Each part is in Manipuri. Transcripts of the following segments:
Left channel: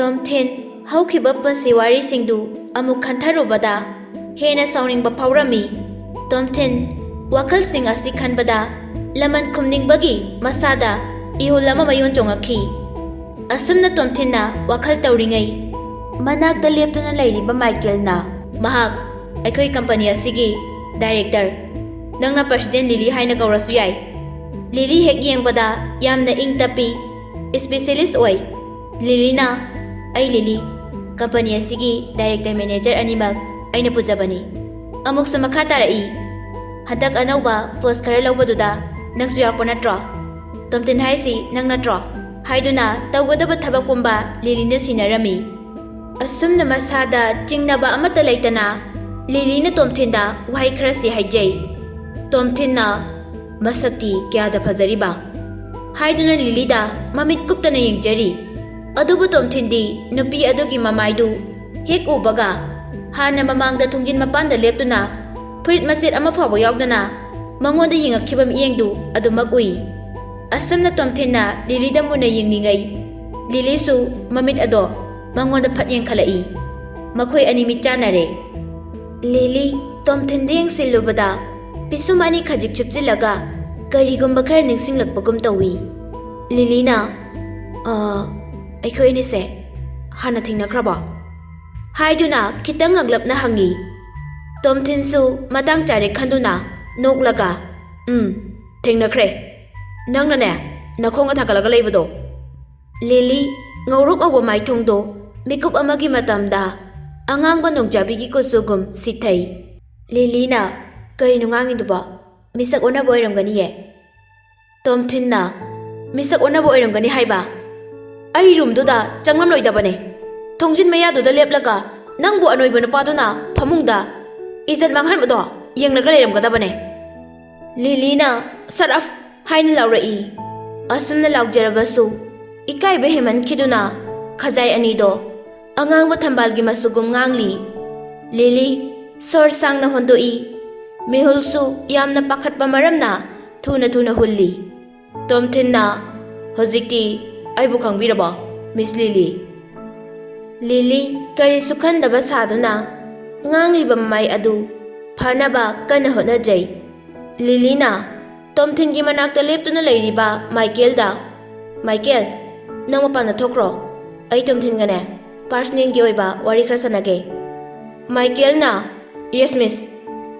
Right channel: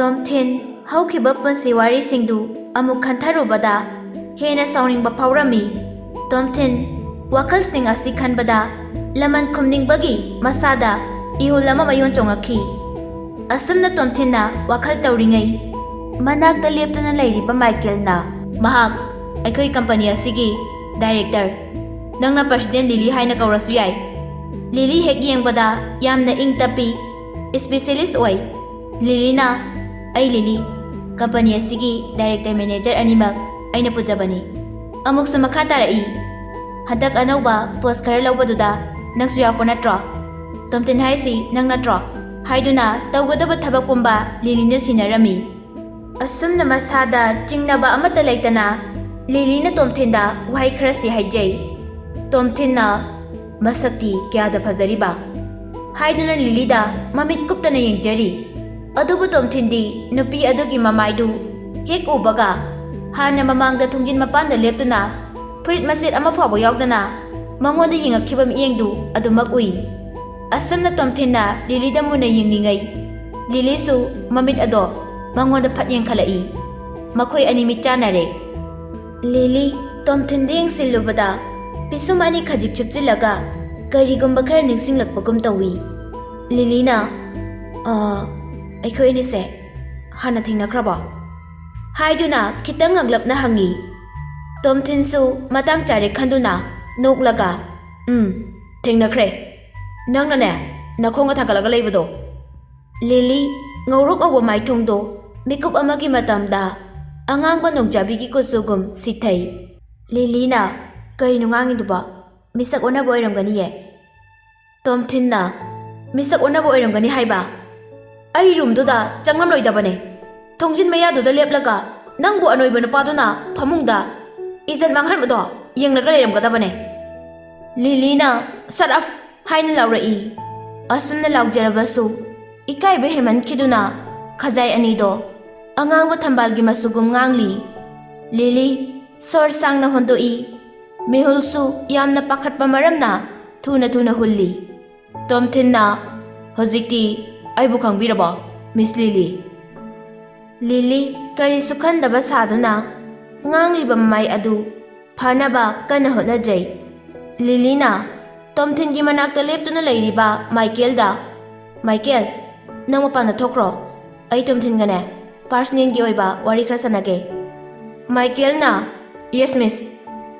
Tomthin hꯧꯈꯤꯕ ꯄꯨꯟꯁꯤ ꯋꯥꯔꯤꯁꯤꯡꯗꯨ ꯑꯃꯨꯛ ꯈꯟꯊꯔꯨꯕꯗ ꯍꯦꯟꯅ ꯁꯥꯎꯅꯤꯡꯕ ꯐꯥꯎꯔꯝꯃꯤ꯫ Tomthin ꯋꯥꯈꯜꯁꯤꯡ ꯑꯁꯤ ꯈꯟꯕꯗ ꯂꯃꯟ ꯈꯨꯝꯅꯤꯡꯕꯒꯤ ꯃꯁꯥꯗ ꯏꯍꯨꯜ ꯑꯃ ꯃꯌꯣꯟ ꯆꯣꯡꯉꯛꯈꯤ꯫ ꯑꯁꯨꯝꯅ ꯇꯣꯝꯊꯤꯟꯅ ꯋꯥꯈꯜ ꯇꯧꯔꯤꯉꯩ ꯃꯅꯥꯛꯇ ꯂꯦꯞꯇꯨꯅ ꯂꯩꯔꯤꯕ ꯃꯥꯏꯀꯦꯜꯅ "ꯃꯍꯥꯛ ꯑꯩꯈꯣꯏ ꯀꯝꯄꯅꯤ ꯑꯁꯤꯒꯤ ꯗꯥꯏꯔꯦꯛꯇꯔ, ꯅꯪꯅ ꯄ꯭ꯔꯁꯤꯗꯦꯟ ꯂꯤꯂꯤ ꯍꯥꯏꯅ ꯀꯧꯔꯁꯨ ꯌꯥꯏ꯫ ꯂꯤꯂꯤ ꯍꯦꯛ ꯌꯦꯡꯕꯗ ꯌꯥꯝꯅ ꯏꯪ ꯇꯞꯄꯤ, ꯁ꯭ꯄꯦꯁꯤꯌꯦꯂꯤꯁ ꯑꯣꯏ꯫ ꯂꯤꯂꯤꯅ "ꯑꯩ ꯂꯤꯂꯤ, ꯀꯝꯄꯅꯤ ꯑꯁꯤꯒꯤ ꯗꯥꯏꯔꯦꯛꯇꯔ ꯃꯦꯅꯦꯖꯔ ꯑꯅꯤꯃꯛ ꯑꯩꯅ ꯄꯨꯖꯕꯅꯤ"꯫ ꯑꯃꯨꯛꯁꯨ ꯃꯈꯥ ꯇꯥꯔꯛꯏ, "ꯍꯟꯗꯛ ꯑꯅꯧꯕ ꯄꯣꯁ ꯈꯔ ꯂꯧꯕꯗꯨꯗ ꯅꯪꯁꯨ ꯌꯥꯎꯔꯛꯄ ꯅꯠꯇ꯭ꯔꯣ? ꯇꯣꯝꯊꯤꯟ ꯍꯥꯏꯁꯤ ꯅꯪ ꯅꯠꯇ꯭ꯔꯣ?" ꯍꯥꯏꯗꯨꯅ ꯇꯧꯒꯗꯕ ꯊꯕꯛ ꯄꯨꯝꯕ ꯂꯤꯂꯤꯅ ꯁꯤꯟꯅꯔꯝꯃꯤ꯫ ꯑꯁꯨꯝꯅ ꯃꯁꯥꯗ ꯆꯤꯡꯅꯕ ꯑꯃꯠꯇ ꯂꯩꯇꯅ ꯂꯤꯂꯤꯅ ꯇꯣꯝꯊꯤꯟꯗ ꯋꯥꯍꯩ ꯈꯔꯁꯤ ꯍꯥꯏꯖꯩ꯫ ꯇꯣꯝꯊꯤꯟꯅ "ꯃꯁꯛꯇꯤ ꯀꯌꯥꯗ ꯐꯖꯔꯤꯕ" ꯍꯥꯏꯗꯨꯅ ꯂꯤꯂꯤꯗ ꯃꯃꯤꯠ ꯀꯨꯞꯇꯅ ꯌꯦꯡꯖꯔꯤ꯫ ꯑꯗꯨꯕꯨ ꯇꯣꯝꯊꯤꯟꯗꯤ ꯅꯨꯄꯤ ꯑꯗꯨꯒꯤ ꯃꯃꯥꯏꯗꯨ ꯍꯦꯛ ꯎꯕꯒ ꯍꯥꯟꯅ ꯃꯃꯥꯡꯗ ꯊꯣꯡꯖꯤꯟ ꯃꯄꯥꯟꯗ ꯂꯦꯞꯇꯨꯅ ꯐꯨꯔꯤꯠ ꯃꯆꯦꯠ ꯑꯃ ꯐꯥꯎꯕ ꯌꯥꯎꯗꯅ ꯃꯉꯣꯟꯗ ꯌꯦꯡꯉꯛꯈꯤꯕ ꯃꯤꯠꯌꯦꯡꯗꯨ ꯑꯗꯨꯃꯛ ꯎꯏ꯫ ꯑꯁꯨꯝꯅ ꯇꯣꯝꯊꯤꯟꯅ ꯂꯤꯂꯤꯗ ꯃꯨꯟꯅ ꯌꯦꯡꯂꯤꯉꯩ ꯂꯤꯂꯤꯁꯨ ꯃꯃꯤꯠ ꯑꯗꯣ ꯃꯉꯣꯟꯗ ꯐꯠ ꯌꯦꯡꯈꯠꯂꯛꯏ꯫ ꯃꯈꯣꯏ ꯑꯅꯤ ꯃꯤꯠ ꯆꯥꯟꯅꯔꯦ꯫ ꯂꯤꯂꯤ ꯇꯣꯝꯊꯤꯟꯗ ꯌꯦꯡꯁꯤꯜꯂꯨꯕꯗ ꯄꯤꯁꯨꯝ ꯑꯅꯤ ꯈꯖꯤꯛ ꯆꯨꯞꯆꯤꯜꯂꯒ ꯀꯔꯤꯒꯨꯝꯕ ꯈꯔ ꯅꯤꯡꯁꯤꯡꯂꯛꯄꯒꯨꯝ ꯇꯧꯏ꯫ ꯂꯤꯂꯤꯅ "ꯑꯩꯈꯣꯏ ꯑꯅꯤꯁꯦ ꯍꯥꯟꯅ ꯊꯦꯡꯅꯈ꯭ꯔꯕꯣ?" ꯍꯥꯏꯗꯨꯅ ꯈꯤꯇꯪ ꯉꯛꯂꯞꯅ ꯍꯪꯉꯤ꯫ ꯇꯣꯝꯊꯤꯟꯁꯨ ꯃꯇꯥꯡ ꯆꯥꯔꯦ ꯈꯟꯗꯨꯅ ꯅꯣꯛꯂꯒ "ꯊꯦꯡꯅꯈ꯭ꯔꯦ, ꯅꯪꯅꯅꯦ ꯅꯈꯣꯡꯒ ꯊꯥꯡꯒꯠꯂꯒ ꯂꯩꯕꯗꯣ." ꯂꯤꯂꯤ ꯉꯧꯔꯣꯛ ꯉꯧꯕ ꯃꯥꯏꯊꯣꯡꯗꯣ ꯃꯤꯀꯨꯞ ꯑꯃꯒꯤ ꯃꯇꯝꯗ ꯑꯉꯥꯡꯕ ꯅꯣꯡꯖꯥꯕꯤꯒꯤ ꯀꯨꯆꯨꯒꯨꯝ ꯁꯤꯊꯩ꯫ ꯂꯤꯂꯤꯅ "ꯀꯔꯤꯅꯣ ꯉꯥꯡꯉꯤꯗꯨꯕꯣ? ꯃꯤꯁꯛ ꯑꯣꯟꯅꯕ ꯑꯣꯏꯔꯝꯒꯅꯤꯌꯦ." ꯇꯣꯝꯊꯤꯟꯅ "ꯃꯤꯁꯛ ꯑꯣꯟꯅꯕ ꯑꯣꯏꯔꯝꯒꯅꯤ ꯍꯥꯏꯕ? ꯑꯩ ꯔꯨꯝꯗꯨꯗ ꯆꯪꯂꯝꯂꯣꯏꯗꯕꯅꯦ꯫ ꯊꯣꯡꯖꯤꯟ ꯃꯌꯥꯗꯨꯗ ꯂꯦꯞꯂꯒ ꯅꯪꯕꯨ ꯑꯅꯣꯏꯕ ꯅꯨꯄꯥꯗꯨꯅ ꯐꯃꯨꯡꯗ ꯏꯖꯠ ꯃꯥꯡꯍꯟꯕꯗꯣ ꯌꯦꯡꯂꯒ ꯂꯩꯔꯝꯒꯗꯕꯅꯦ." ꯂꯤꯂꯤꯅ "ꯁꯠ ꯑꯞ" ꯍꯥꯏꯅ ꯂꯥꯎꯔꯛꯏ꯫ ꯑꯁꯨꯝꯅ ꯂꯥꯎꯖꯔꯕꯁꯨ ꯏꯀꯥꯏꯕ ꯍꯦꯟꯃꯟꯈꯤꯗꯨꯅ ꯈꯖꯥꯏ ꯑꯅꯤꯗꯣ ꯑꯉꯥꯡꯕ ꯊꯝꯕꯥꯜꯒꯤ ꯃꯆꯨꯒꯨꯝ ꯉꯥꯡꯂꯤ꯫ ꯂꯤꯂꯤ ꯁꯣꯔ ꯁꯥꯡꯅ ꯍꯣꯟꯗꯣꯛꯏ꯫ ꯃꯤꯍꯨꯜꯁꯨ ꯌꯥꯝꯅ ꯄꯥꯈꯠꯄ ꯃꯔꯝꯅ ꯊꯨꯅ ꯊꯨꯅ ꯍꯨꯜꯂꯤ꯫ ꯇꯣꯝꯊꯤꯟꯅ "ꯍꯧꯖꯤꯛꯇꯤ ꯑꯩꯕꯨ ꯈꯪꯕꯤꯔꯕꯣ, ꯃꯤꯁ ꯂꯤꯂꯤ?" ꯂꯤꯂꯤ ꯀꯔꯤꯁꯨ ꯈꯟꯗꯕ ꯁꯥꯗꯨꯅ ꯉꯥꯡꯂꯤꯕ ꯃꯃꯥꯏ ꯑꯗꯨ ꯐꯅꯕ ꯀꯟꯅ ꯍꯣꯠꯅꯖꯩ꯫ ꯂꯤꯂꯤꯅ ꯇꯣꯝꯊꯤꯟꯒꯤ ꯃꯅꯥꯛꯇ ꯂꯦꯞꯇꯨꯅ ꯂꯩꯔꯤꯕ ꯃꯥꯏꯀꯦꯜꯗ "ꯃꯥꯏꯀꯦꯜ, ꯅꯪ ꯃꯄꯥꯟꯗ ꯊꯣꯛꯈ꯭ꯔꯣ. ꯑꯩ ꯇꯣꯝꯊꯤꯟꯒꯅꯦ ꯄꯥꯔꯁꯅꯦꯜꯒꯤ ꯑꯣꯏꯕ ꯋꯥꯔꯤ ꯈꯔ ꯁꯥꯟꯅꯒꯦ." ꯃꯥꯏꯀꯦꯜꯅ "ꯌꯦꯁ ꯃꯤꯁ"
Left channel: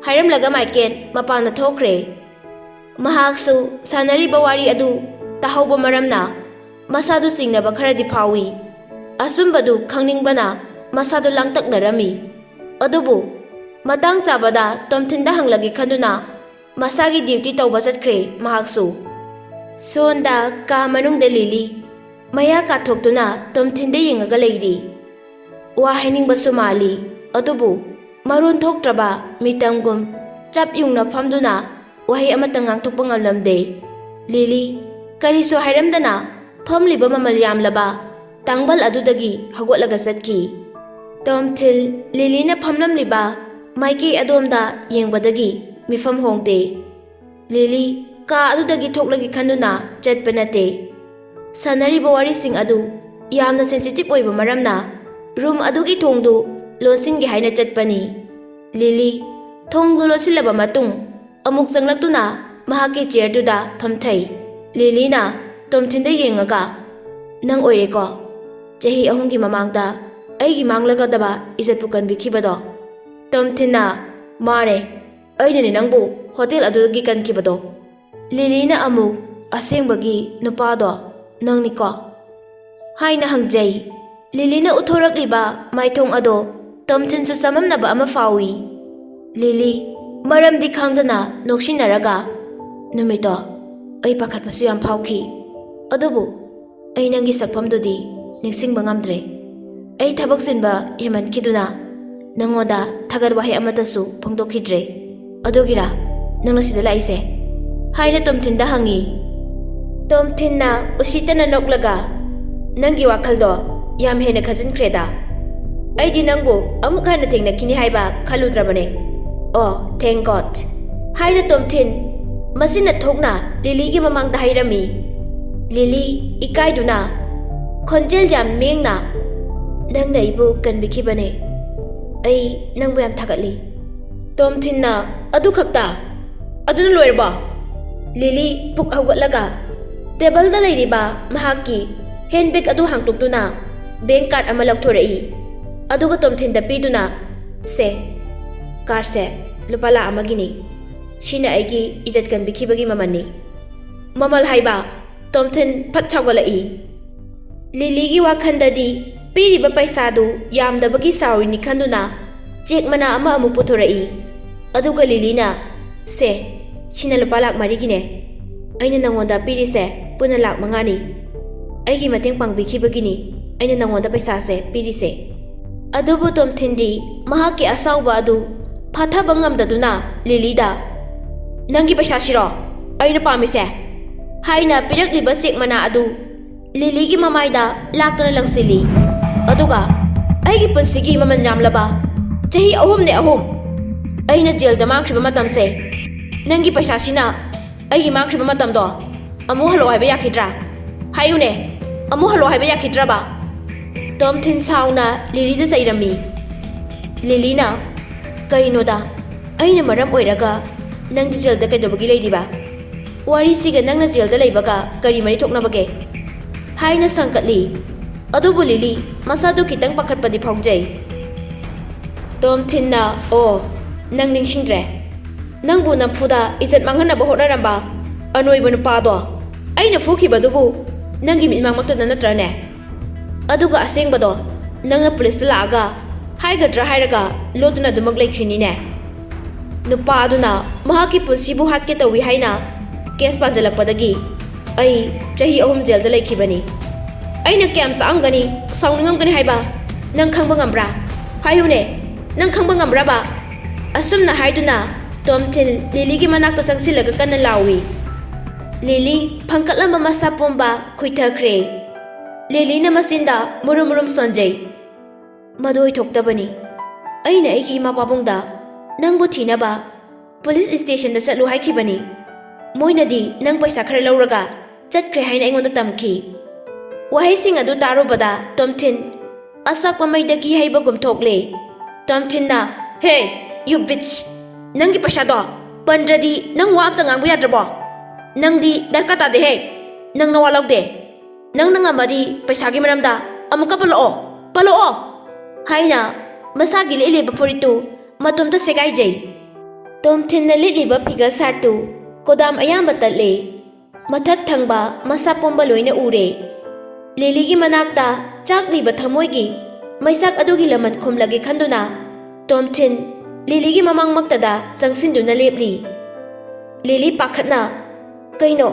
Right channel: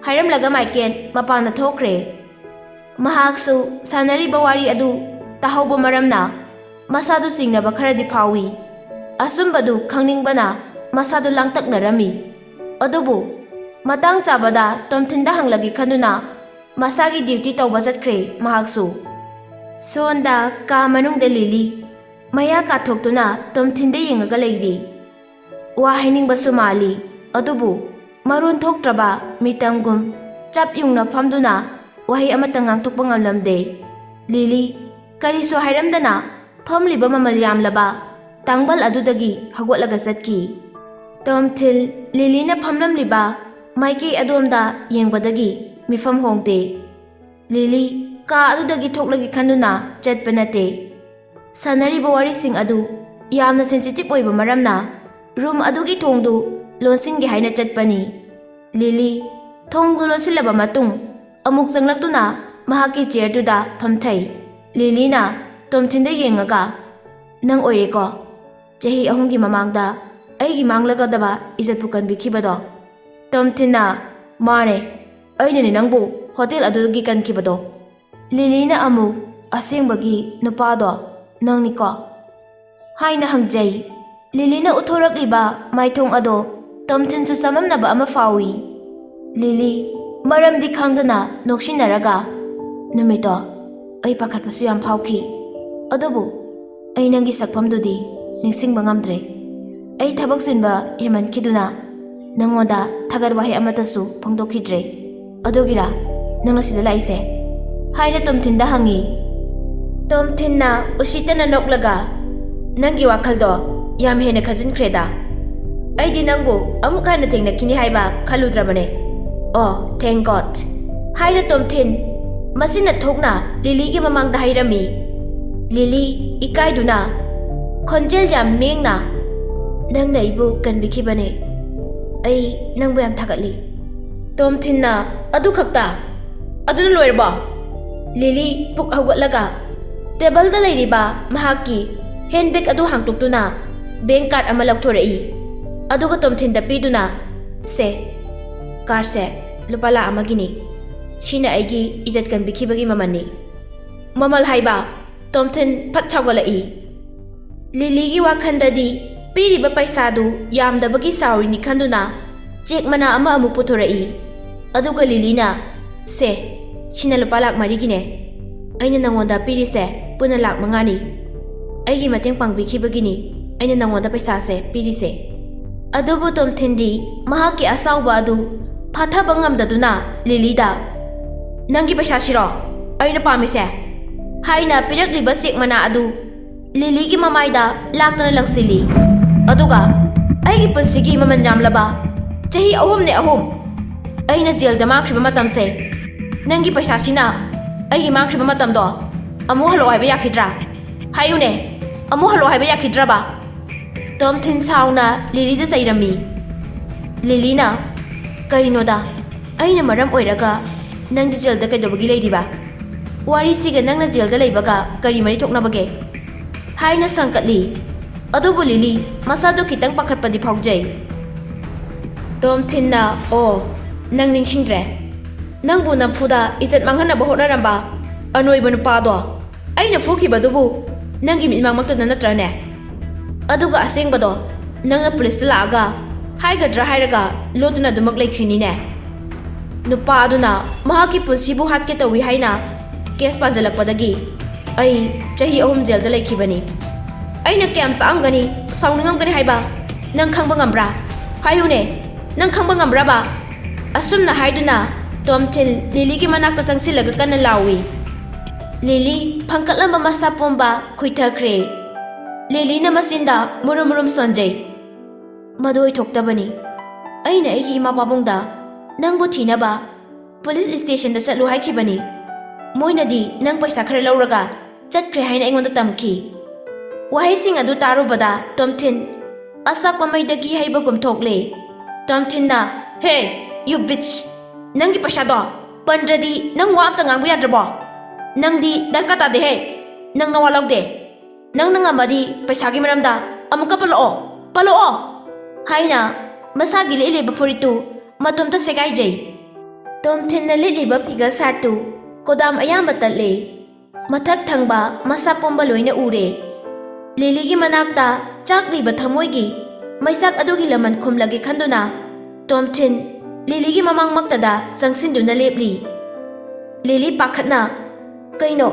ꯍꯥꯏꯔꯝꯂꯒ ꯃꯥꯏꯀꯦꯜ ꯃꯄꯥꯟꯗ ꯊꯣꯛꯈ꯭ꯔꯦ꯫ ꯃꯍꯥꯛꯁꯨ ꯁꯥꯟꯅꯔꯤꯕ ꯋꯥꯔꯤ ꯑꯗꯨ ꯇꯥꯍꯧꯕ ꯃꯔꯝꯅ ꯃꯁꯥꯗꯨ ꯆꯤꯡꯅꯕ ꯈꯔꯗꯤ ꯐꯥꯎꯏ꯫ ꯑꯆꯨꯝꯕꯗꯨ ꯈꯪꯅꯤꯡꯕꯅ ꯃꯁꯥꯗꯨ ꯂꯥꯡꯇꯛꯅꯔꯝꯃꯤ꯫ ꯑꯗꯨꯕꯨ ꯃꯇꯥꯡ ꯆꯥꯕꯗ ꯇꯣꯝꯊꯤꯟꯗ ꯍꯪꯂꯒꯦ ꯈꯟꯗꯨꯅ ꯃꯁꯥꯒꯤ ꯗ꯭ꯌꯨꯇꯤ ꯇꯧꯕ ꯆꯠꯈ꯭ꯔꯦ ꯃꯍꯥꯛꯁꯨ꯫ ꯁꯣꯟꯗ ꯀꯥ ꯃꯅꯨꯡꯗ ꯂꯤꯂꯤ ꯃꯌꯥ ꯀꯥꯊꯣꯛꯇꯨꯅ ꯇꯣꯝꯊꯤꯟꯗ ꯌꯦꯡꯉꯒ ꯂꯩꯔꯤ꯫ ꯋꯥ ꯍꯥꯏꯅꯤꯡꯕꯁꯨ ꯃꯥꯜꯂꯤ, ꯑꯗꯨꯕꯨ ꯃꯔꯣꯟ ꯊꯣꯛꯇ꯭ꯔꯕ ꯃꯤꯇꯝꯒꯨꯝ ꯆꯞ ꯌꯨꯡꯅ ꯐꯝꯗꯨꯅ ꯋꯥꯍꯩ ꯑꯃꯠꯇ ꯉꯥꯡꯊꯣꯛꯄ ꯉꯝꯂꯝꯗꯦ꯫ ꯂꯤꯂꯤ ꯀꯔꯤꯁꯨ ꯍꯥꯏꯔꯝꯗꯅ ꯐꯝꯂꯤꯕ ꯃꯃꯜ ꯌꯥꯝꯂꯕ ꯇꯥꯡꯕꯜ ꯑꯗꯨꯗꯒꯤ ꯍꯧꯒꯠꯂꯒ ꯆꯠꯈꯤ꯫ ꯇꯣꯝꯊꯤꯟ ꯂꯤꯂꯤꯅ ꯐꯝꯂꯝꯂꯤꯕ ꯃꯥꯏꯀꯩ ꯑꯗꯣꯝꯗ ꯌꯦꯡꯕꯗꯒꯤ ꯃꯤꯐꯝ ꯍꯣꯡꯗꯦ꯫ ꯂꯤꯂꯤ ꯀꯥ ꯑꯗꯨꯗꯒꯤ ꯊꯣꯛꯂꯒꯦ ꯈꯟꯗꯨꯅ ꯆꯠꯄ ꯅꯠꯇꯦ꯫ ꯁꯥꯟꯅꯔꯤꯕ ꯋꯥꯔꯤꯁꯤꯡ ꯑꯗꯨ ꯌꯥꯝꯅ ꯁꯦꯟꯁꯤꯇꯤꯞ ꯑꯣꯏꯕ ꯃꯔꯝꯅ ꯔꯨꯝ ꯑꯗꯨꯒꯤ ꯊꯣꯡꯗꯨ ꯂꯣꯟꯁꯤꯟꯒꯦ ꯍꯥꯏꯅ ꯆꯠꯄꯅꯤ꯫ ꯂꯤꯂꯤ ꯊꯣꯡꯗꯨ ꯂꯣꯟꯁꯤꯜꯂꯕ ꯃꯇꯨꯡ ꯑꯃꯨꯛ ꯆꯪꯂꯛꯇꯨꯅ ꯃꯍꯥꯛꯀꯤ ꯆꯤꯌꯔꯗꯨꯗ ꯐꯝꯊꯩ꯫ ꯂꯤꯂꯤꯅ ꯇꯣꯝꯊꯤꯟꯗ ꯌꯦꯡꯉꯒ "ꯅꯪ ꯑꯣꯏꯔꯦꯀꯣ ꯆꯍꯤ 3ꯒꯤ ꯃꯃꯥꯡꯗ ꯑꯩꯒꯤ ꯃꯥꯡꯂꯒꯗꯕ ꯏꯖꯠꯄꯨ ꯀꯟꯕꯤꯈꯤꯕꯗꯣ?" ꯇꯣꯝꯊꯤꯟꯅ "ꯃꯥꯅꯦ, ꯑꯩꯅꯅꯦ ꯅꯪꯕꯨ ꯍꯣꯇꯦꯜ ꯑꯗꯨꯗꯒꯤ ꯀꯟꯈꯤꯕꯗꯣ." ꯂꯤꯂꯤꯅ ꯑꯃꯨꯛ "ꯑꯁꯦꯡꯕꯒꯤ ꯅꯨꯄꯥꯗꯣ ꯅꯪꯅꯤꯀꯣ?" ꯍꯥꯏꯅ ꯍꯪꯖꯩ꯫ ꯂꯤꯂꯤꯅ ꯎꯠꯊꯣꯔꯛꯂꯤꯕ ꯃꯥꯏꯊꯣꯡ ꯑꯗꯣ ꯇꯣꯝꯊꯤꯟꯁꯨ ꯆꯃꯝꯅꯕ ꯑꯃ ꯐꯥꯎꯏ꯫ ꯂꯤꯂꯤ ꯃꯔꯝꯗꯤ ꯈꯪꯗꯅ ꯅꯣꯛꯁꯤꯟꯅꯔꯒ "ꯅꯨꯃꯤꯠꯇꯣ ꯑꯩ ꯄꯥꯈꯠꯄꯁꯨ ꯌꯥꯝ ꯐꯥꯎꯈꯤ, ꯑꯗꯨꯕꯨ ꯑꯩ ꯅꯪꯒꯤ ꯁꯛꯐꯝꯗꯨꯗꯤ ꯅꯤꯡꯁꯤꯡꯕ ꯉꯝꯗ꯭ꯔꯦ. ꯑꯩ ꯊꯕꯛ ꯆꯤꯟꯕ ꯍꯦꯟꯃꯟꯈꯤꯗꯨꯅ ꯅꯪꯉꯣꯟꯗ ꯊꯥꯒꯠ ꯋꯥꯍꯩ ꯑꯃꯠꯇꯁꯨ ꯐꯣꯡꯗꯣꯛꯈꯤꯗ꯭ꯔꯦ. ꯑꯗꯨꯒꯤꯔꯥ ꯅꯪꯅ ꯁꯤꯗ ꯂꯥꯛꯏꯁꯦ?" ꯍꯥꯏꯅ ꯇꯣꯝꯊꯤꯟꯗ ꯍꯪꯉꯤ꯫ ꯇꯣꯝꯊꯤꯟꯅ ꯎꯁꯤꯠꯇꯅ ꯅꯣꯛꯂꯒ "ꯅꯪꯒꯤ ꯋꯥꯈꯜꯗꯣ ꯌꯥꯝ ꯍꯦꯟꯅ ꯈꯟꯖꯤꯟꯈ꯭ꯔꯦꯗ. ꯑꯩꯗꯤ ꯅꯪꯕꯨ ꯑꯃꯨꯛ ꯍꯟꯅ ꯊꯦꯡꯅꯈꯤꯅꯤ ꯍꯥꯏꯕ ꯈꯜꯂꯨꯗ꯭ꯔꯕꯅꯦ. ꯑꯣ ꯊꯦꯡꯛ ꯒꯣꯗ" ꯍꯥꯏꯅ ꯇꯣꯝꯊꯤꯟ ꯃꯆꯤꯟꯅ ꯊꯣꯛꯅ ꯂꯤꯂꯤꯒꯤ ꯃꯃꯥꯡꯗ ꯍꯥꯏꯔꯝꯃꯤ꯫ ꯂꯤꯂꯤ ꯏꯀꯥꯏꯗꯨꯅ ꯈꯣꯟꯖꯦꯜ ꯌꯥꯝ ꯃꯦꯡꯅ Nang na ibu kanbikhibane. Ai nangbu yam thagatli. Tomthinna adu khakta. Aduna loirba. Lily puk hawgatlaga table da leiriba mahaki handbag adu hangtuktuna bank card ama laukthorei. Aduga Tomthin da piduna se car se lupala amagini. Sina aigi ijat kanbikhibagi mamani. Mamal haiba Tomthin phat chawgalai. Lily gi wakhandadi piriba paisa du yamdabagi sawrini khanduna check mana ama amu puthorei. Aduga Lily na se Sina lupa lak marigine. Aina nangonda pirise puna lak mangani. Aigi mateng pangbikibagini. Aina nangonda paisa se pirise. Adubu Tomthindi mahaki asawba adu phataba ngamdaduna Lily da nangi paisa shiro aina pamise haina pirakliba check mana adu Lily gi mamaida laktana langsili. Aduga aigi punsigi maman yamlaba chahi ahum ne ahum aina jail da makriba matamse Nangi paisa sina ai mangkhriba matamdo amu halo haiba yakhidra hayune amu halo haiba yakhidra ba Tomthin sauna Lily da sairami Lily na kaino da aina maram oiraga nang jail da kaidobagi leidiba wari siga nangna jail da leibaga kari mari thoknabage haina sankatli adubu Lily masadu kitang pakhatpadi phaujai Tomthin na o nang ningsingdre Nangbu namfuda izat manghanaba hotnaramba anoiba nupado aina fukibadubu nangi mitmangmaktada natrane aduga asengbado nangna police laaga haigadra hairaga loduna dumak leikhrine nupa aduna mahaki punsibu hatke tawi haina case panjalakpadagi ai chahi ahum jail da leikhibani aina kyam saamgani sauningam haiba nang khangba ngambra hayune nang khangba ngambra ba asumna haiduna Tomthin Lily gi manakta changsilaga kana lawi Lily phangkatlamba masa pomba khuithakre Lily na masinda murum sonjai madoi thoktabani aina aigi ma pabungda nangbu thinaba police station da chatlu haikibani moinadi nang paisa khara lauraga chatkre haina aingonda tamki wahai sing adu tarubada Tomthin asakwa maidagi haiba gumthokle Tomthin na hey you bitch Nangi paisa do pandradi nang wap sangang buyadrabo nangdi darkata de he nang nawalok de nang nangamadi paisa gi maramda amuka palo haina masagi lele bapuritu matumta segai jai Tomthin na lele ba piga sartu kodam ayamba tatle mathak thangba masa pomba loina ure Lily gi manakta chakli ba thamoi gi maisak adugi laman khumlage khanduna Tomthin Lily gi mamang maktada sangsinduna lepli Lily pakhatna kaino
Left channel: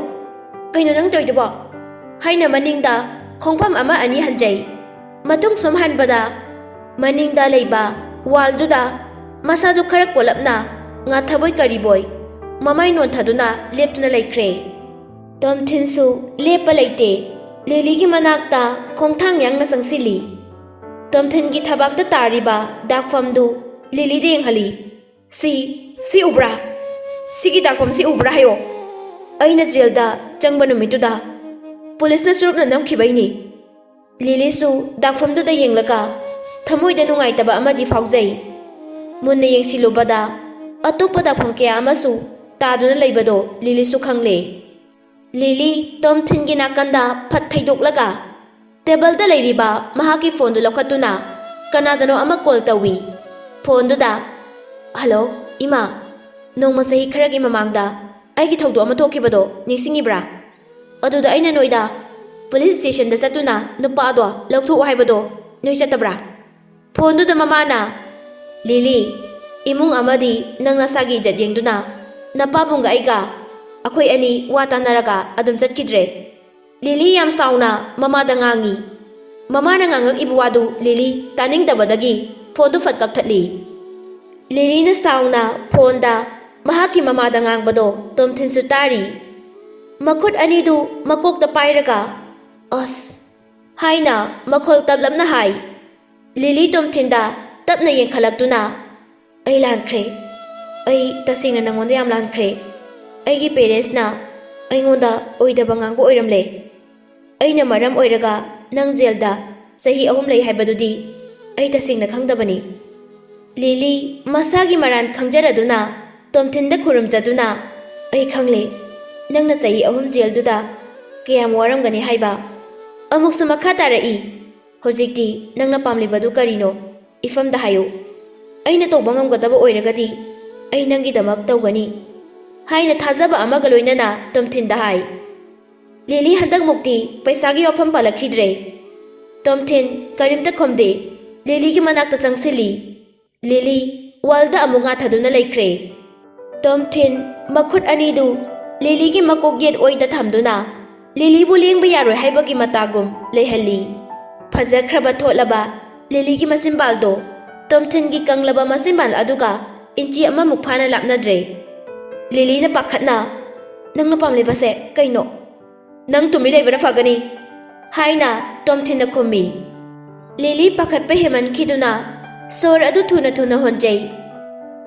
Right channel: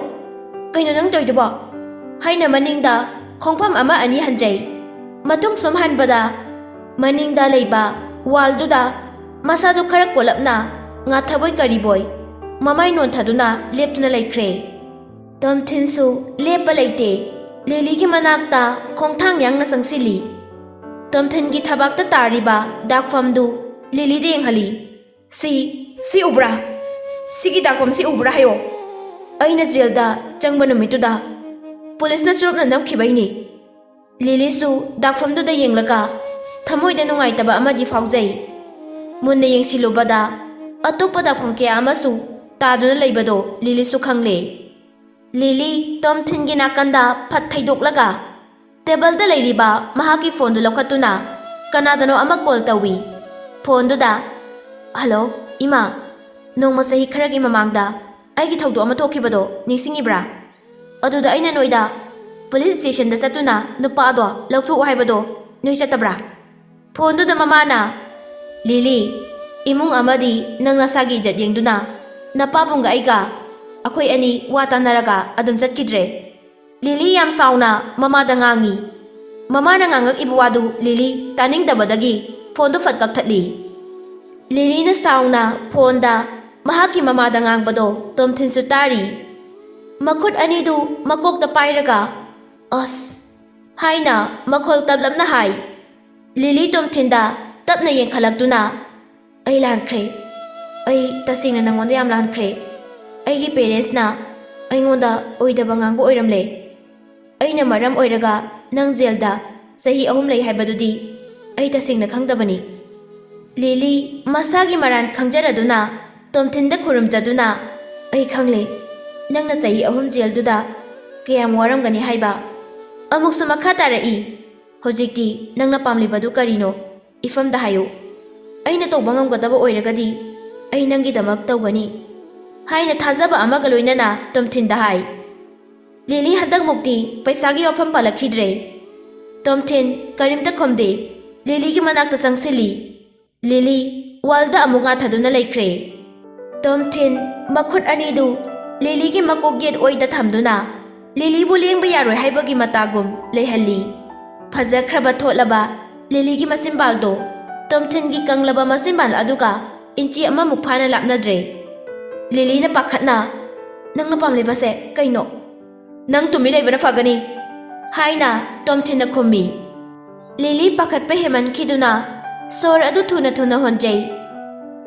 nang toiduba haina maningda khongpham ama ani hanjai matung sumhanbada maningda leiba walduda masadu khara kolapna nga thaboi kariboi mamai non thaduna leptuna laikhre Tomthin su lepa leite Lily gi manakta khongthang yangna sangsili Tomthin gi thabakta tariba dakfamdu Lily deng hali si ubra sigi dakom si ubra hayo aina jail da changba numituda police na churupna namkhibaini Lily su dakfamdu da yenglaga thamoi da nungai taba amadi faujai munna yengsilubada atopa da phangkya amasu taduna leibado Lily su khangle Lily Tomthin gi nakanda phat thaidoklaga table da leiriba mahaki phone du lokatuna kanadano ama call tawi phone da hello ima nongma sahi kharagi mamangda aigi thaudo ama thokibado ningsingibra aduda aina noida police station da satuna nupa do lautho haibado noi chatabra phone da mamana Lily imung amadi nang nasagi jat yengduna napabunga aiga akhoi ani wata naraga adum chatkidre Lily yam sauna mama da ngangi mama na ngangak ibuwadu Lily taning dabadagi phone du fat kakthali Lily na sauna phone da mahaki mama da ngangbado Tomthin su tari makut ani du makok da pairaga os haina makhol tablamna hai Lily Tomthin da tapna yengkhalakduna ai lankhre ai tasingna nangonda yam lankhre aigi parents na aingonda oidaba ngangbo oiramle aina maram oiraga nang jail da sahi ahum lei haibadudi ꯑꯩ ꯇꯁꯦꯡꯅ ꯈꯪꯗꯕꯅꯤ ꯂꯤꯂꯤ ꯃꯁꯥꯒꯤ ꯃꯔꯥꯟ ꯈꯪꯖꯔꯗꯨꯅ ꯇꯣꯝꯊꯤꯟꯗ ꯈꯨꯔꯨꯝꯖꯗꯨꯅ ꯑꯩ ꯈꯪꯂꯦ ꯅꯪꯅ ꯆꯍꯤ 3 ꯖꯦꯜꯗꯨꯗ ꯀꯌꯥꯝ ꯋꯥꯔꯝꯒꯅꯤ ꯍꯥꯏꯕ ꯑꯃꯨꯛꯁꯨ ꯃꯈꯥ ꯇꯥꯔꯛꯏ ꯍꯧꯖꯤꯛꯇꯤ ꯅꯪꯅ ꯄꯥꯝꯂꯤꯕꯗꯨ ꯀꯔꯤꯅꯣ ꯏꯐꯝꯗ ꯍꯥꯏꯌꯨ ꯑꯩꯅ ꯇꯧꯕ ꯉꯝꯒꯗꯕ ꯑꯣꯏꯔꯒꯗꯤ ꯑꯩ ꯅꯪꯒꯤꯗꯃꯛ ꯇꯧꯒꯅꯤ ꯍꯥꯏꯅ ꯊꯥꯖꯕ ꯑꯃꯒ ꯂꯣꯏꯅꯅ ꯇꯣꯝꯊꯤꯟꯗ ꯍꯥꯏ ꯂꯤꯂꯤ ꯍꯟꯗꯛꯃꯨꯛꯇꯤ ꯄꯩꯁꯥꯒꯤ ꯋꯥꯐꯝ ꯄꯥꯜꯂꯛꯈꯤꯗ꯭ꯔꯦ ꯇꯣꯝꯊꯤꯟ ꯀꯔꯤꯝꯇ ꯈꯨꯝꯗꯦ ꯂꯤꯂꯤꯒꯤ ꯃꯅꯥꯛꯇ ꯆꯪꯁꯤꯜꯂꯤ ꯂꯤꯂꯤ ꯋꯥꯜꯗ ꯑꯃꯨꯛ ꯉꯥꯊꯗꯨꯅ ꯂꯩꯈ꯭ꯔꯦ ꯇꯣꯝꯊꯤꯟ ꯃꯈꯨꯠ ꯑꯅꯤꯗꯨ ꯂꯤꯂꯤꯒꯤ ꯃꯀꯣꯛ ꯌꯦꯠ ꯑꯣꯏꯗ ꯊꯝꯗꯨꯅ ꯂꯤꯂꯤꯕꯨ ꯂꯦꯡꯕ ꯌꯥꯔꯣꯏ ꯍꯥꯏꯕꯒꯤ ꯃꯇꯥꯒꯨꯝ ꯂꯩꯍꯜꯂꯤ ꯐꯖꯈ꯭ꯔꯕ ꯊꯣꯠꯂꯕ ꯂꯤꯂꯤꯒꯤ ꯃꯆꯤꯟꯕꯥꯜꯗꯣ ꯇꯣꯝꯊꯤꯟꯒꯤ ꯀꯪꯂꯕ ꯃꯆꯤꯟꯕꯥꯜ ꯑꯗꯨꯒ ꯏꯟꯆꯤ ꯑꯃꯃꯨꯛ ꯐꯥꯅ ꯂꯥꯞꯅꯗ꯭ꯔꯦ ꯂꯤꯂꯤꯅ ꯄꯥꯈꯠꯅ ꯅꯪꯅ ꯄꯥꯝꯂꯤꯕꯁꯦ ꯀꯩꯅꯣ ꯅꯪ ꯇꯨꯃꯤꯟ ꯂꯩꯕꯅ ꯐꯒꯅꯤ ꯍꯥꯏꯅ ꯇꯣꯝꯊꯤꯟꯅ ꯈꯨꯝꯃꯤ ꯂꯤꯂꯤ ꯄꯥꯈꯠꯄ ꯍꯦꯃꯟꯈꯤꯗꯨꯅ ꯁꯣꯔ ꯑꯗꯨ ꯊꯨꯅ ꯊꯨꯅ ꯍꯣꯟꯖꯩ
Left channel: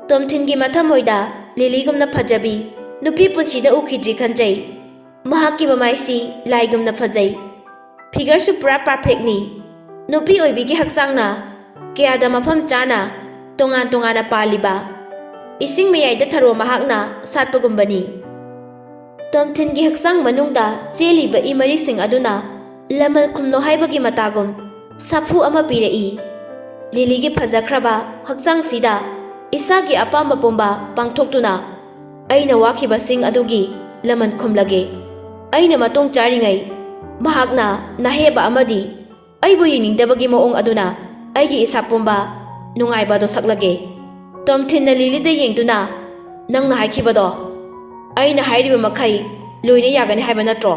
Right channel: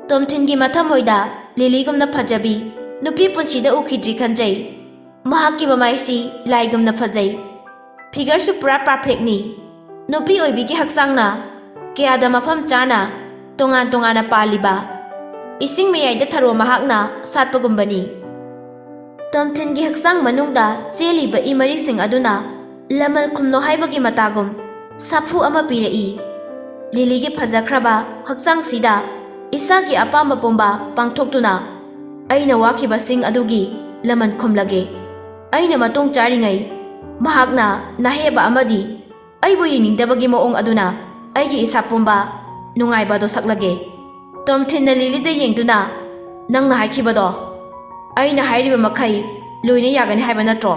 ꯇꯣꯝꯊꯤꯟꯒꯤ ꯃꯊꯃꯣꯏꯗ ꯂꯤꯂꯤꯒꯨꯝꯅ ꯐꯖꯕꯤ ꯅꯨꯄꯤ ꯄꯨꯟꯁꯤꯗ ꯎꯈꯤꯗ꯭ꯔꯤ ꯈꯟꯖꯩ ꯃꯍꯥꯛꯀꯤ ꯃꯃꯥꯏꯁꯤ ꯂꯥꯏꯒꯨꯝꯅ ꯐꯖꯩ ꯐꯤꯒꯔꯁꯨ ꯄꯨꯔꯥ ꯄꯔꯐꯦꯛꯅꯤ ꯅꯨꯄꯤ ꯑꯣꯏꯕꯤꯒꯤ ꯍꯛꯆꯥꯡꯅ ꯀꯌꯥꯗ ꯃꯐꯝ ꯆꯥꯅ ꯇꯣꯉꯥꯟ ꯇꯣꯉꯥꯟꯅ ꯄꯥꯜꯂꯤꯕ ꯏꯁꯤꯡ ꯃꯌꯥꯏꯗ ꯊꯔꯣ ꯃꯍꯥꯛꯅ ꯁꯥꯠꯄꯒꯨꯝꯕꯅꯤ ꯇꯣꯝꯊꯤꯟꯒꯤ ꯍꯛꯆꯥꯡ ꯃꯅꯨꯡꯗ ꯆꯦꯜꯂꯤꯕ ꯏ ꯃꯔꯤꯁꯤꯡ ꯑꯗꯨꯅ ꯂꯃꯜ ꯈꯨꯝꯅꯣ ꯍꯥꯏꯕꯒꯤ ꯃꯇꯥꯒꯨꯝ ꯁꯥꯐꯨ ꯑꯃ ꯄꯤꯔꯛꯏ ꯂꯤꯂꯤꯒꯤ ꯐꯖꯈ꯭ꯔꯕ ꯍꯛꯆꯥꯡꯁꯤꯗ ꯏꯁꯥꯒꯤ ꯑꯄꯥꯝꯕ ꯄꯨꯝꯕ ꯄꯥꯡꯊꯣꯛꯇꯨꯅ ꯑꯩꯅ ꯋꯥꯈꯤꯕꯁꯤꯡ ꯑꯗꯨꯒꯤ ꯂꯃꯟ ꯈꯨꯝꯂꯒꯦ ꯑꯩꯅ ꯃꯇꯨꯡ ꯆꯥꯔꯤꯉꯩ ꯃꯍꯥꯛꯅ ꯅꯍꯦꯕ ꯑꯃꯗꯤ ꯑꯩꯕꯨ ꯌꯦꯡꯅꯤꯡꯗꯕꯒꯤ ꯃꯑꯣꯡ ꯑꯗꯨꯅ ꯑꯩꯒꯤ ꯏꯁꯥ ꯄꯨꯝꯕ ꯅꯨꯡꯉꯥꯏꯕꯗꯣ ꯁꯛꯂꯒꯦ ꯇꯣꯝꯊꯤꯟꯅ ꯂꯤꯂꯤꯗ ꯌꯦꯡꯗꯨꯅ ꯅꯪꯅ ꯍꯥꯏꯈꯤꯕꯗꯣ ꯑꯩꯅ ꯍꯥꯏꯔꯤꯕ ꯃꯈꯩ ꯂꯣꯏꯅ ꯌꯥꯒꯅꯤ ꯍꯥꯏꯕ ꯅꯠꯇ꯭ꯔꯣ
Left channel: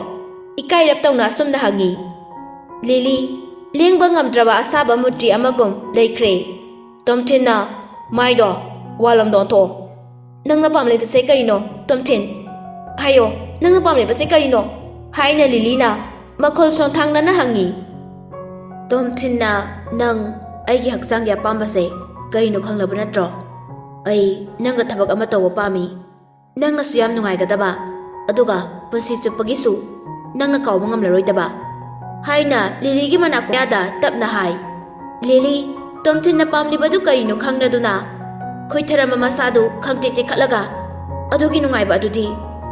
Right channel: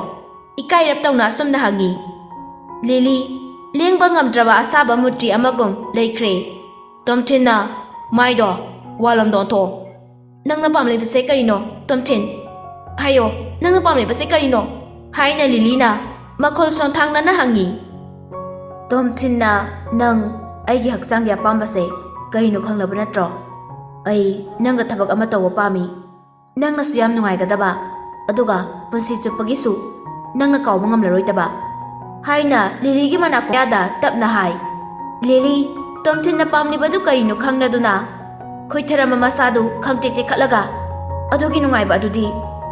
ꯏꯀꯥꯏꯔꯞ ꯇꯧꯅ ꯑꯁꯨꯝꯅ ꯍꯪꯉꯤ ꯂꯤꯂꯤ ꯂꯦꯡꯕ ꯉꯝꯗ꯭ꯔꯕ ꯑꯁꯥꯕ ꯃꯨꯇ꯭ꯔꯤ ꯑꯃꯒꯨꯝ ꯂꯩꯈ꯭ꯔꯦ ꯇꯣꯝꯊꯤꯟꯅ ꯃꯥꯏꯗꯣ ꯋꯥꯜꯂꯣꯝꯗ ꯑꯣꯟꯊꯣꯛ ꯅꯪꯅ ꯄꯥꯝꯂꯤꯕꯁꯦ ꯀꯔꯤꯅꯣ ꯇꯣꯝꯊꯤꯟ ꯍꯥꯏꯌꯣ ꯅꯪꯅ ꯄꯥꯝꯂꯤꯕꯁꯦ ꯀꯔꯤꯅꯣ ꯍꯥꯏꯅ ꯂꯤꯂꯤꯅ ꯃꯈꯣꯜ ꯁꯣꯟꯊꯥꯡꯅꯅ ꯍꯪꯉꯤ ꯇꯣꯝꯊꯤꯟꯅ ꯅꯪ ꯑꯩꯒꯤ ꯍꯛꯆꯥꯡꯒꯤ ꯑꯄꯥꯝꯕꯁꯦ ꯀꯔꯤꯅꯣ ꯈꯪꯂꯕ ꯅꯠꯇ꯭ꯔꯣ ꯑꯩ ꯅꯪꯒ ꯊꯕꯛ ꯑꯃ ꯇꯧꯕ ꯄꯥꯝꯃꯤ ꯅꯪꯅꯁꯨ ꯌꯥꯝ ꯅꯨꯡꯉꯥꯏꯒꯗꯕ ꯑꯗꯨꯒ ꯄꯨꯟꯁꯤ ꯆꯨꯞꯄꯒꯤꯁꯨ ꯅꯪꯅ ꯀꯥꯎꯕ ꯉꯝꯂꯔꯣꯏꯗꯕ ꯍꯥꯏꯅ ꯂꯤꯂꯤꯒꯤ ꯃꯅꯥꯀꯣꯡꯗ ꯇꯞꯅ ꯍꯥꯏ ꯂꯤꯂꯤ ꯇꯣꯝꯊꯤꯟꯅ ꯄꯥꯝꯂꯤꯕꯗꯨ ꯀꯔꯤꯅꯣ ꯈꯪꯂꯗꯨꯅ ꯈꯣꯏꯊꯔꯝꯕ ꯃꯁꯥꯗꯨ ꯈꯪꯇꯦꯛ ꯇꯦꯛꯈꯠꯂꯒ ꯑꯗꯨꯒꯤ ꯅꯨꯡꯉꯥꯏꯕ ꯑꯗꯨꯗꯤ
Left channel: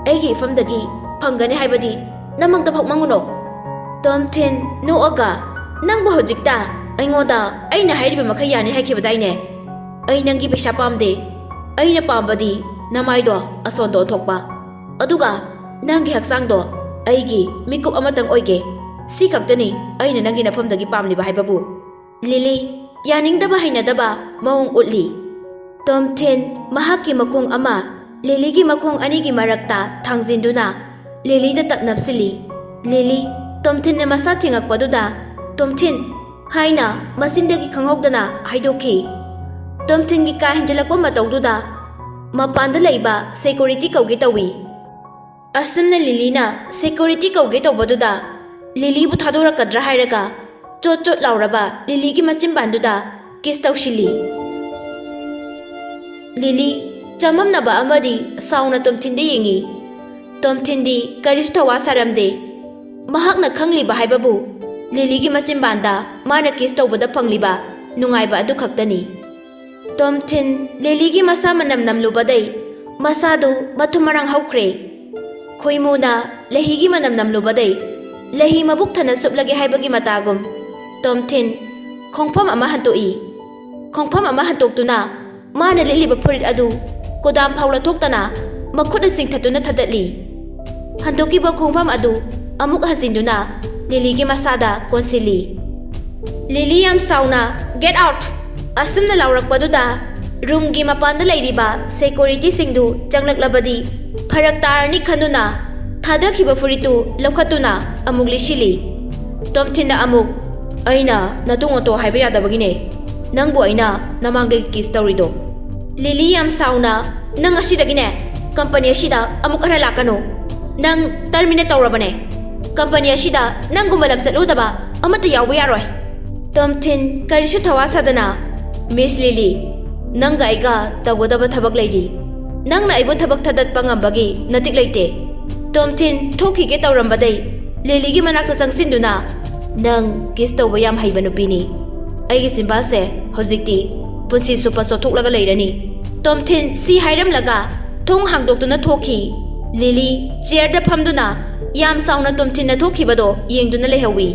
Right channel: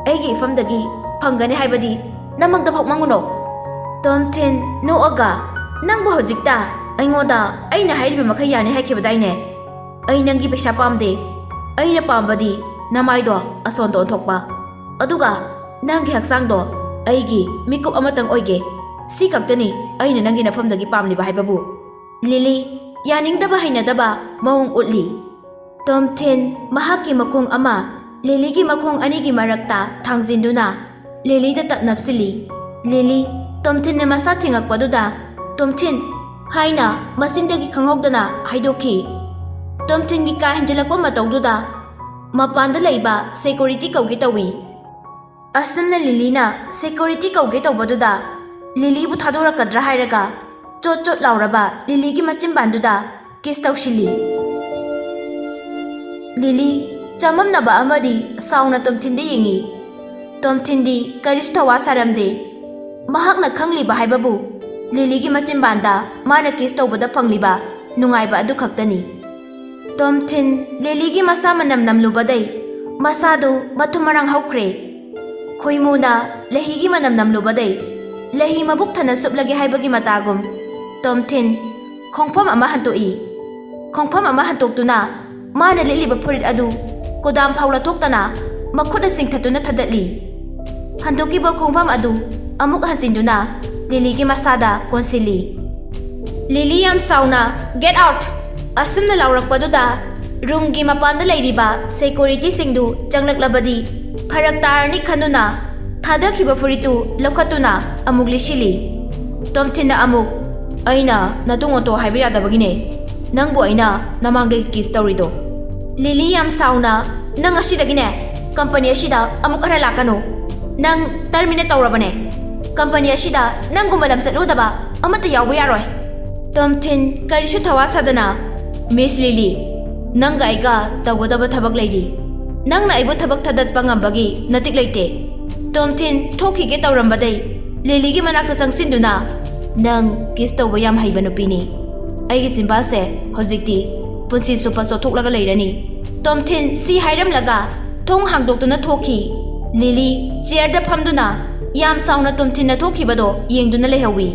ꯑꯩꯒꯤ ꯏꯐꯝꯗꯒꯤ ꯐꯪꯒꯅꯤ ꯍꯥꯏꯕꯗꯤ ꯅꯃꯪꯗꯐꯥꯎ ꯃꯪꯉꯨꯅꯣ ꯇꯣꯝꯊꯤꯟ ꯅꯣꯛꯑꯒ ꯅꯪꯕꯨ ꯍꯧꯖꯤꯛꯇ ꯑꯩꯉꯣꯟꯗ ꯑꯩꯅ ꯍꯥꯏꯔꯤꯕ ꯃꯈꯩ ꯌꯥꯅꯤ ꯍꯥꯏꯈꯤꯕꯗꯥꯏꯅꯦ ꯑꯩ ꯅꯪꯒꯤ ꯄꯩꯁꯥ ꯄꯥꯝꯗꯦ ꯑꯩꯅ ꯄꯥꯝꯕꯗꯤ ꯅꯃꯥꯏꯗꯣ ꯑꯁꯣꯟꯗ ꯑꯣꯟꯊꯣꯛꯄ ꯑꯗꯨꯒ ꯅꯪꯒꯤ ꯍꯛꯆꯥꯡꯗꯣ ꯑꯩꯒꯤ ꯃꯤꯀꯨꯞ ꯑꯃꯇꯪ ꯑꯣꯏꯒꯦ ꯁꯤ ꯈꯛꯇꯅꯤ ꯑꯩꯅ ꯅꯪꯒꯤ ꯅꯐꯝꯗꯒꯤ ꯄꯥꯝꯂꯤꯕ ꯍꯥꯏꯕꯕꯨ ꯂꯤꯂꯤ ꯌꯥꯅꯤꯡꯗꯕ ꯍꯩꯅꯗꯕ ꯃꯑꯣꯡ ꯎꯠꯂꯤ ꯇꯣꯝꯊꯤꯟ ꯃꯍꯥꯛꯀꯤ ꯃꯈꯣꯡ ꯑꯃ ꯂꯤꯂꯤꯒꯤ ꯃꯈꯣꯡ ꯑꯅꯤꯒꯤ ꯃꯔꯛꯇ ꯊꯥꯡꯖꯤꯟꯗꯨꯅ ꯂꯤꯂꯤꯗ ꯇꯞ ꯅꯞꯁꯤꯜꯂꯤ ꯂꯤꯂꯤ ꯇꯣꯝꯊꯤꯟꯅ ꯃꯁꯥ ꯊꯦꯡꯉꯛꯄꯗꯨꯗ ꯇꯣꯝꯊꯤꯟ ꯍꯥꯏꯅ ꯃꯆꯤꯟꯗꯒꯤ ꯈꯪꯍꯧꯗꯅ ꯍꯥꯏꯗꯣꯛꯈꯤ ꯇꯣꯝꯊꯤꯟꯒꯤ ꯀꯥ ꯍꯦꯟꯖꯤꯜꯂꯛꯄ ꯃꯇꯧꯗꯨꯗ ꯃꯄꯥꯟꯗ ꯂꯩꯕ ꯁꯦꯀꯨꯔꯤꯇꯤ ꯀꯧꯒꯦ ꯇꯧꯏ ꯑꯁꯨꯝꯅ ꯂꯤꯂꯤꯅ ꯁꯦꯀꯨꯔꯤꯇꯤ ꯀꯧꯒꯦ ꯇꯧꯕꯗꯨꯗ ꯂꯤꯂꯤꯕꯨ ꯊꯥꯗꯣꯔꯛꯀꯗ꯭ꯔꯥ ꯍꯥꯏꯔꯒ ꯆꯣꯠ ꯆꯣꯠ ꯂꯥꯎꯔꯕ ꯂꯤꯂꯤꯒꯤ ꯃꯆꯤꯟꯕꯥꯟꯗꯨꯗ ꯀꯤꯁ ꯇꯧꯁꯤꯜꯂꯤ ꯂꯤꯂꯤ ꯆꯃꯝꯅꯕ ꯑꯃꯗꯤ ꯁꯥꯎꯅ ꯇꯣꯝꯊꯤꯟꯗ ꯌꯦꯡꯉꯤ ꯇꯣꯝꯊꯤꯟꯗꯤ ꯀꯔꯤꯁꯨ ꯊꯋꯥ ꯁꯥꯔꯝꯗꯦ ꯃꯍꯥꯛꯅ ꯈꯪꯂꯤꯕ ꯍꯥꯏꯕꯕꯨ ꯂꯤꯂꯤꯒꯤ ꯃꯆꯤꯟꯕꯥꯟꯗ ꯃꯥꯅ ꯀꯤꯁ ꯇꯧꯕꯗ ꯐꯪꯂꯤꯕ ꯅꯨꯡꯉꯥꯏꯕ ꯑꯗꯨ ꯈꯛꯇꯅꯤ ꯇꯣꯝꯊꯤꯟ ꯂꯤꯂꯤꯒꯤ ꯃꯁꯥ ꯃꯅꯝ ꯅꯝꯂꯨꯕꯗꯩ ꯃꯁꯥꯗꯨ ꯃꯊꯨꯝ ꯃꯔꯥꯡ ꯍꯧꯈ꯭ꯔꯦ ꯈꯣꯏꯃꯨꯅ ꯂꯩꯍꯤꯒꯤ ꯃꯅꯝ ꯅꯝꯂꯨꯕꯗꯩ ꯂꯩꯍꯤ ꯃꯕꯨꯛ ꯊꯟꯅ ꯆꯨꯞꯂꯒꯦ ꯍꯥꯏꯕꯒꯤ ꯃꯇꯥꯒꯨꯝ ꯇꯣꯝꯊꯤꯟ ꯈꯣꯡꯐꯝ ꯑꯃ ꯍꯟꯇꯣꯛꯏ ꯈꯣꯡꯐꯝ ꯑꯃ ꯍꯟꯇꯣꯛꯇꯨꯅ ꯃꯥꯅ ꯂꯤꯠꯂꯤꯕ ꯐꯨꯔꯤꯠ ꯑꯗꯨ ꯀꯣꯗꯥꯝ ꯐꯥꯎ ꯂꯧꯊꯣꯛꯇꯅ ꯃꯈꯨꯠꯅ ꯆꯤꯡꯊꯠꯇꯨꯅ ꯊꯥꯗꯠꯂꯤ ꯍꯟꯗꯣꯛꯈꯤꯕ ꯈꯣꯡꯐꯝ ꯑꯗꯨ ꯑꯃꯨꯛ ꯍꯟꯖꯤꯟꯗꯨꯅ ꯂꯤꯂꯤꯒꯤ ꯃꯁꯥꯗ ꯀꯣꯟꯁꯤꯜꯂꯤ ꯂꯤꯂꯤ ꯌꯥꯝ ꯁꯥꯎꯅ ꯒꯦꯠ ꯑꯥꯎꯠ ꯑꯁꯨꯝꯅ ꯂꯥꯎꯔꯛꯄꯗꯨꯗ ꯔꯨꯝꯒꯤ ꯃꯄꯥꯟꯗ ꯂꯩꯔꯤꯕ ꯁꯦꯀꯨꯔꯤꯇꯤꯁꯤꯡꯗꯨ ꯆꯪꯂꯛꯂꯕꯗꯤ ꯐꯔꯛ ꯇꯥꯔꯅꯤ ꯈꯟꯗꯨꯅ ꯊꯥꯗꯈꯤꯕ ꯐꯨꯔꯤꯠꯇꯨ ꯂꯧꯈꯠꯇꯨꯅ ꯑꯃꯨꯛ ꯂꯤꯠꯁꯤꯜꯂꯤ ꯇꯣꯝꯊꯤꯟꯅ ꯑꯃꯨꯛ ꯑꯩꯅ ꯅꯇꯨꯡ ꯑꯣꯟꯊꯣꯛ ꯍꯥꯏꯕ ꯌꯥꯗꯕꯒꯤꯅꯦ ꯅꯪꯕꯨ ꯑꯩꯅ ꯅꯃꯥꯡꯗꯒꯤ ꯀꯤꯁ ꯇꯧꯔꯤꯗꯣ ꯂꯤꯂꯤ ꯌꯥꯝ ꯁꯥꯎꯅ ꯅꯪ ꯑꯁꯤꯗꯒꯤꯅꯦ ꯀꯝꯄꯅꯤ ꯑꯁꯤꯗ ꯑꯃꯨꯛ ꯈꯔ ꯂꯥꯛꯀꯅꯨ ꯅꯪ ꯇꯔꯃꯤꯅꯦꯠ ꯇꯧꯔꯕꯅꯦ ꯀꯝꯄꯅꯤ ꯑꯁꯤꯗ ꯅꯪꯒꯨꯝꯕ ꯂꯝꯆꯠꯂꯨꯗꯕ ꯑꯃꯠꯇ ꯌꯥꯎꯕ ꯌꯥꯔꯣꯏ ꯇꯣꯝꯊꯤꯟ ꯀꯔꯤꯁꯨ ꯊꯋꯥ ꯁꯥꯗꯅ ꯃꯤꯁ ꯂꯤꯂꯤ ꯅꯪꯒ ꯑꯩꯒ ꯇꯧꯒꯗꯕ ꯊꯕꯛ ꯂꯩꯔꯤ ꯅꯪꯅ ꯑꯩꯕꯨ ꯊꯕꯛ ꯊꯥꯗꯠꯄ ꯉꯝꯕꯒꯤ ꯅꯇꯤꯛ ꯂꯩꯇꯦ ꯇꯣꯝꯊꯤꯟ ꯊꯣꯛꯈꯤꯒꯦ ꯇꯧꯔꯝꯕꯗꯩ ꯂꯤꯂꯤꯒꯤ ꯃꯅꯥꯛꯇ ꯆꯪꯁꯤꯟꯗꯨꯅ ꯅꯪ ꯀꯤꯁ ꯇꯧꯕ ꯌꯥꯝ ꯍꯩꯕ ꯅꯨꯄꯤꯅꯤ ꯑꯩꯒꯤ ꯆꯤꯝꯕꯥꯜꯁꯦ ꯍꯧꯖꯤꯛꯇꯤ ꯄꯨꯟꯁꯤ ꯆꯨꯞꯄ ꯆꯣꯠꯊꯣꯛꯂꯒ ꯂꯩꯔꯅꯤ꯫ ꯇꯣꯝꯊꯤꯟ ꯁꯤ ꯍꯥꯏꯔꯝꯂꯒ ꯊꯣꯡ ꯍꯥꯡꯗꯣꯛꯇꯨꯅ ꯊꯣꯛꯈꯤ꯫ ꯂꯤꯂꯤ ꯆꯤꯌꯔꯗ ꯐꯝꯗꯨꯅ ꯌꯥꯝ ꯁꯥꯎꯅ ꯇꯣꯝꯊꯤꯟꯅ ꯊꯣꯛꯈꯤꯕꯗꯣ ꯌꯦꯡꯗꯨꯅ ꯂꯩꯍꯧꯏ꯫